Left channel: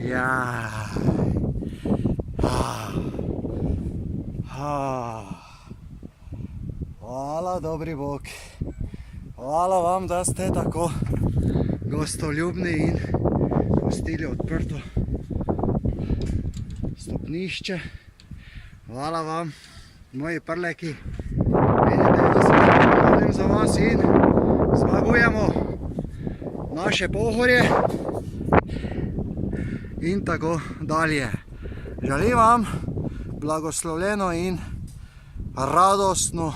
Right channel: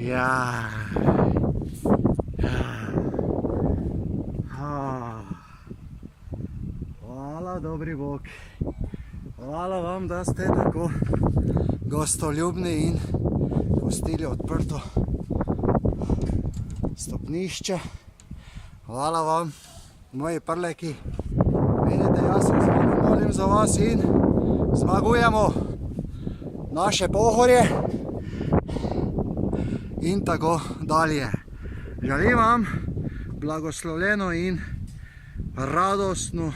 Ja. Hvala, dobri Bog. Hvala vam, da ste tako gostoljubni in pustili odprto stopnišče. Hvala vam, moji prleki. Vidite, jaz se molim za vas in zmagujemo naše Pohorje in tako dalje. Želim vam blagoslovljeno in radostno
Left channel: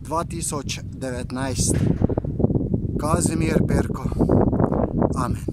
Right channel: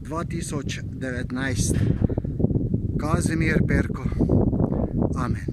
2019. Kazimir Perko. Amen.